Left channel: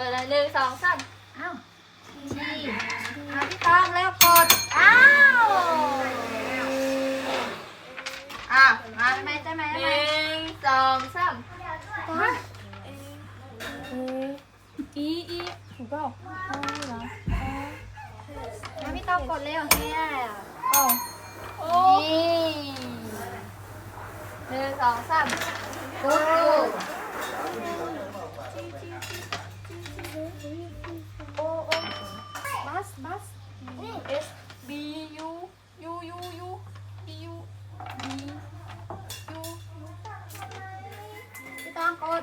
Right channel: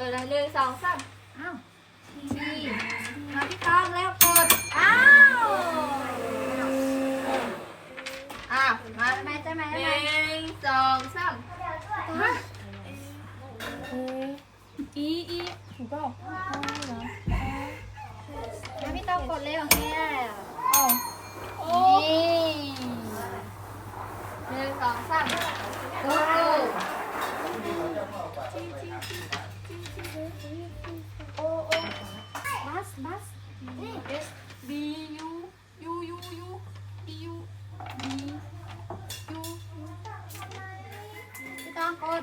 เลยหนึ่งสองสามอ้าวนี่มาพี่ก้องแล้วกด อ้าว อ้าวมาได้ไหมได้ไหมไหนึ่งสองสามอีอีถูกเปล่าเอาเหรอมาพี่ต้องกดเร็วเนี่ยเอโอ้นี่หนึ่งสองสามโอ้ S B U U U U B U B U พี่ต้องกด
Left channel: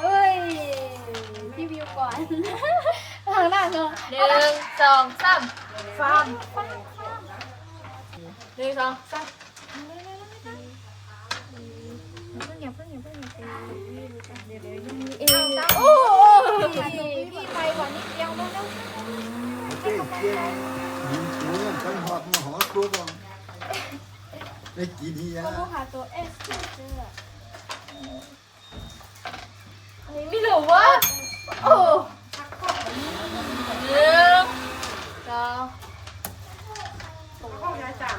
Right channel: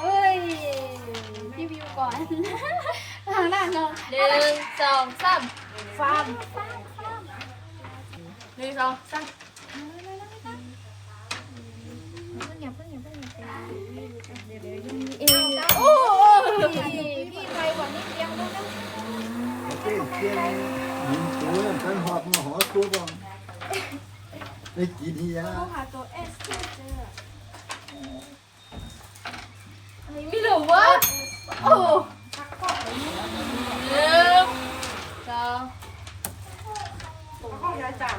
เอ้ยพี่วิวก่อนทางหน้าเนาะหนึ่งสองสามฟาร์มหนึ่งสองสามเพิ่งอย่าเพิ่งอย่าเพิ่งอย่าเพิ่งเดี๋ยวเดี๋ยว มันตัวมันไอ้กินเฮียเขาหาตัวเอสเจอไม่รู้ว่าโอ้เยอะจ้าผมเข้าใจจ้า